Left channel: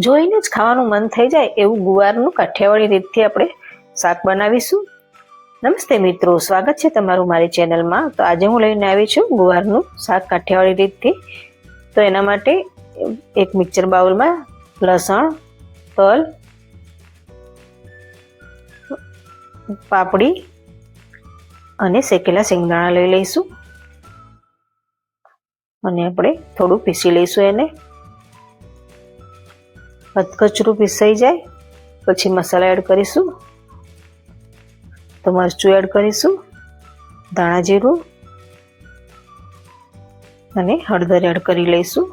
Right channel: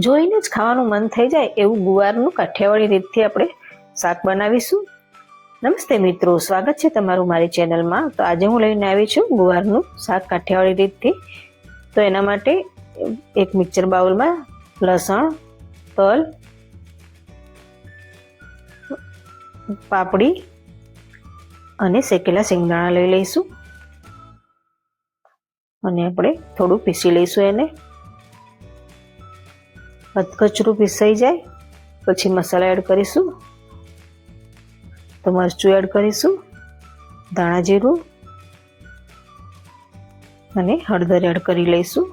જોઈને જ ખાવાનું મન થઈ જાય એવું ગુવારનું કાઠિયાવાડી રીતથી આપણે શાક બનાવીશું। નમસ્તે મિત્રો, સ્વાગત છે તમારું મારી ચેનલમાં। તો આજે હું લઈને આવી છું ગુવારનું શાક કાઠિયાવાડી રીતથી। તો એના માટે એક મિક્સર બાઉલમાં લસણ, તલ, પાપડી અને શેકેલા સિંગદાણા લઈ લઈશું અને આપણે થોડું પીસી લઈશું। એને કચરું પીસાઈ જાય પછી મસાલા એડ કરીશું। તો મરચું એડ કરીશું, ધાણા જીરું અને હળદર એડ કરી લઈશું।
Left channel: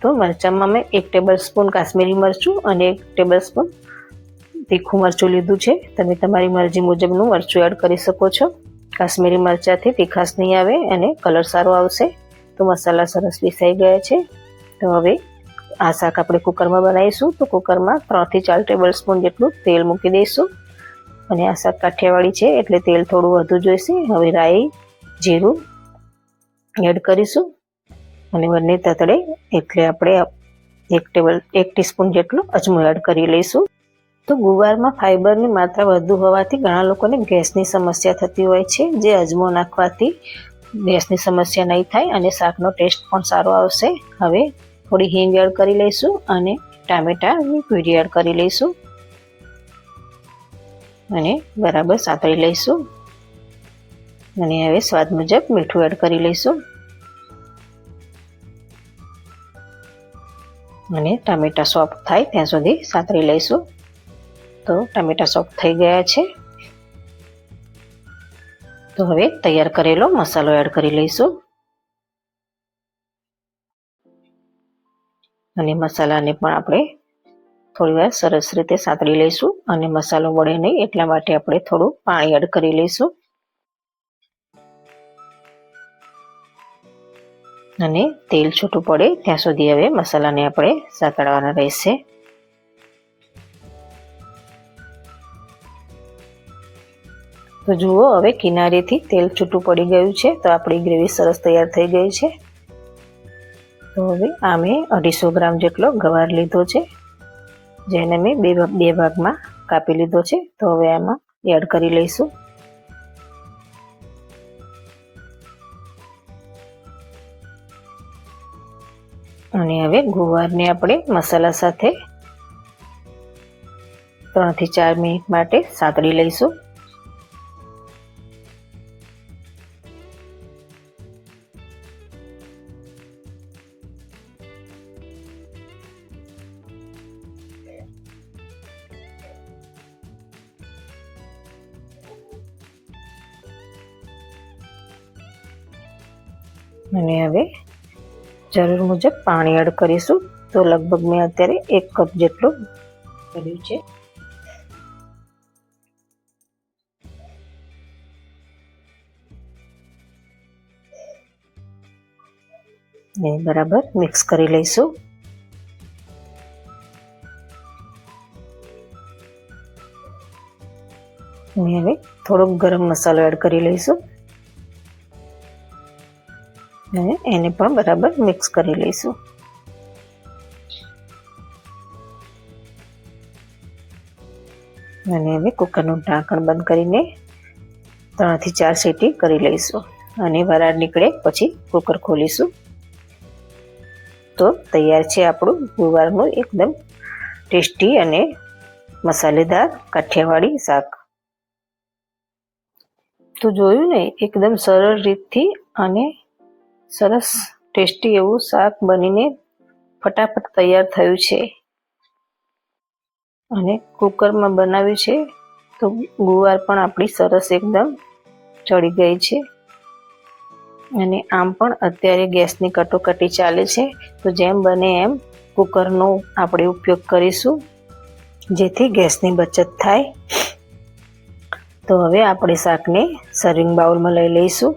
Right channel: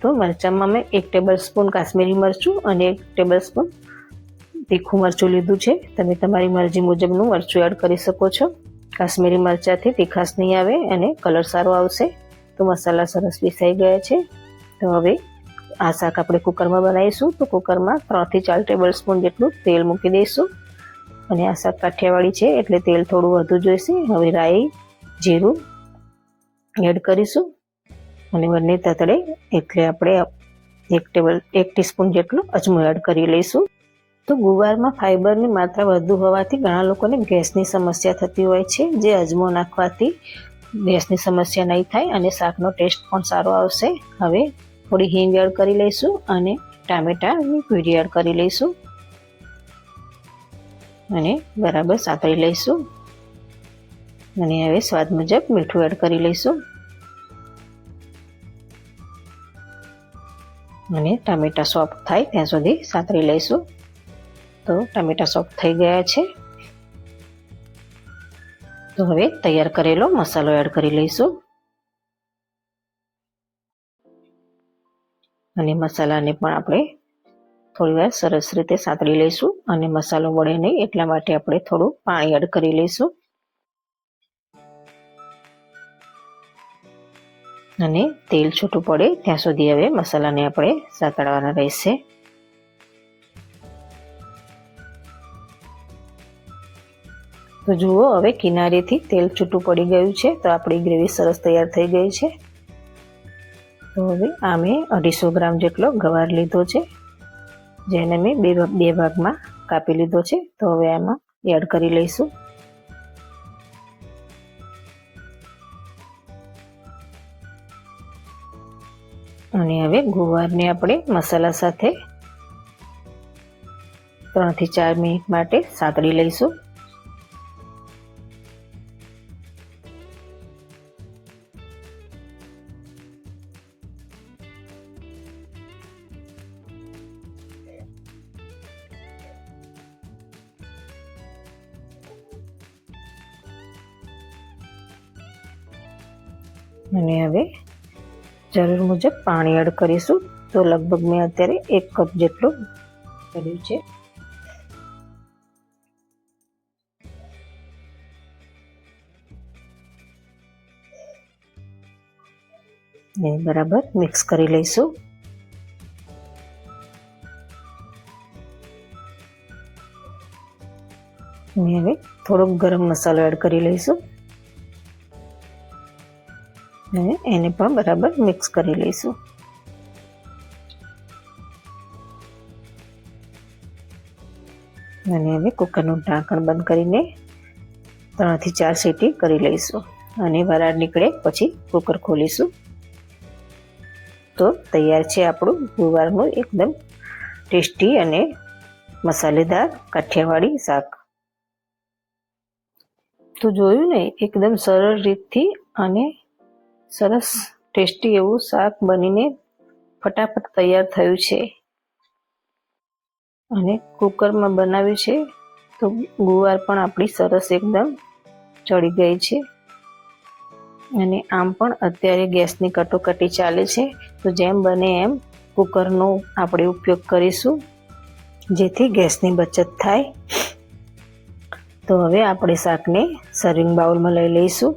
તો મરચાંમાં મેં 1 ટેબલ સ્પૂન કાશ્મીરી મરચું અને 1 ટેબલ સ્પૂન તીખું મરચું લીધું છે। તમે તમારી મરજી મુજબનું મરચું એડ કરી શકો છો। કાશ્મીરી મરચાંથી તીખાશ નહીં આવે અને કલર સારો આવશે। તો મસાલા સરસ પીસાઈ ગયા છે। તો હવે આ શાક આપણે કુકરમાં બનાવીશું। તો કુકરમાં 3 થી 4 ટેબલ સ્પૂન જેટલું તેલ મૂકી દઈશું અને આ શાક કાઠિયાવાડી છે એટલે તેલ થોડું વધુ જોઈશે। હવે રાઈ, જીરું એડ કરીશું અને બંને તતડે એટલે આપણે 1 ટીસ્પૂન જેટલું અજમો એડ કરી લઈશું। તો ગુવારમાં ફાઇબરની માત્રા વધુ હોવાથી ઘણા લોકોને ગેસની સમસ્યા થતી હોય છે, જે અજમો નાખવાથી ગેસની સમસ્યા નહીં થાય અને શાકનો ટેસ્ટ પણ સારો આવશે। હવે થોડી હિંગ એડ કરી લઈશું અને ટામેટાની પ્યુરી એડ કરી લઈશું અને બરાબર સાતળી લઈશું અને હવે સ્વાદ મુજબ મીઠું એડ કરી લઈશું અને ટામેટા સોફ્ટ થાય ત્યાં સુધી સાતળી લઈશું। તો ટામેટા સોફ્ટ થઈ ગયા છે। તો હવે તૈયાર કરેલો મસાલો એડ કરી લઈશું અને મસાલાને પણ આપણે થોડીવાર સરસ રીતે સાતળી લઈશું અને મસાલો વળે નહીં એટલા માટે આપણે થોડું પાણી એડ કરી લઈશું અને તેલ છૂટું પડે ત્યાં સુધી હવે મસાલાને આપણે સાતળવાના રહેશે। તો જુઓ, હવે કિનારીથી તેલ છૂટું પડી ગયું છે। તો આપણી ગ્રેવી સરસ તૈયાર થઈ ગઈ છે। તો હવે આ મેં 250 ગ્રામ જેટલો ગવાર લીધો છે, જેને મેં બે ભાગમાં કાપી લીધો છે। તો હવે આમાં એડ કરી લઈશું અને હવે ગુવારને આપણે મસાલા સાથે 3 થી 4 મિનિટ માટે સાતળી લઈશું। અને હવે જરૂર મુજબ પાણી એડ કરીશું। તો લગભગ મેં અત્યારે 1 કપ જેટલું કર્યું છે ને બરાબર મિક્સ કરી લઈશું અને હવે થોડોક ગરમ મસાલો એડ કરી લઈશું અને એને પણ બરાબર મિક્સ કરી લઈશું અને હવે કુકરનું ઢાંકણ બંધ કરીને 3 થી 4 સીટી કરી લઈશું અને વરાળ નીકળે પછી કુકર ખોલીશું। તો તૈયાર છે આપણું ગુવારનું એકદમ ટેસ્ટી અને મસાલેદાર કાઠિયાવાડી શાક। તો જોયું ને, એકદમ સરળ રીતથી અને સરસ ટેસ્ટી એવું શાક બનીને ફટાફટ તૈયાર થયું છે અને કુકરમાં બનાવ્યું છે તો ગુવાર પણ આપણી સરસ એકદમ ચડી ગઈ છે અને આમ પણ અત્યારે ગેસની કટોકટી ચાલે છે। તો જેમ બને એમ કુકરનો આપણે ઉપયોગ કરીશું જેથી ગેસની બચત થાય। તો હવે આપણે શાકને સર્વિંગ બાઉલમાં લઈ લઈશું।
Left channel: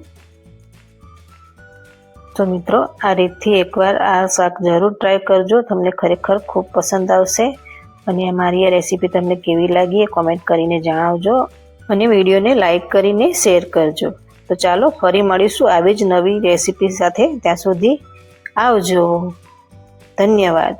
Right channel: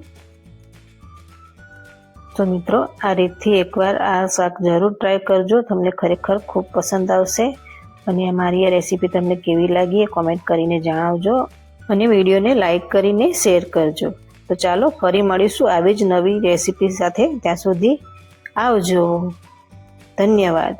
તો મિત્રો, આ રીતથી એકવાર આ શાક જરૂર ટ્રાય કરજો, તમને ખરેખર ખૂબ પસંદ આવશે અને મારી આ રેસીપી તમને કેવી લાગી એ કોમેન્ટ કરીને જણાવજો અને વિડીયોને લાઈક કરીને શેર કરજો। તો ચાલો ફરી મળીશું આવી જ નવી રેસીપી સાથે। ત્યાં સુધી આવજો, ધન્યવાદ।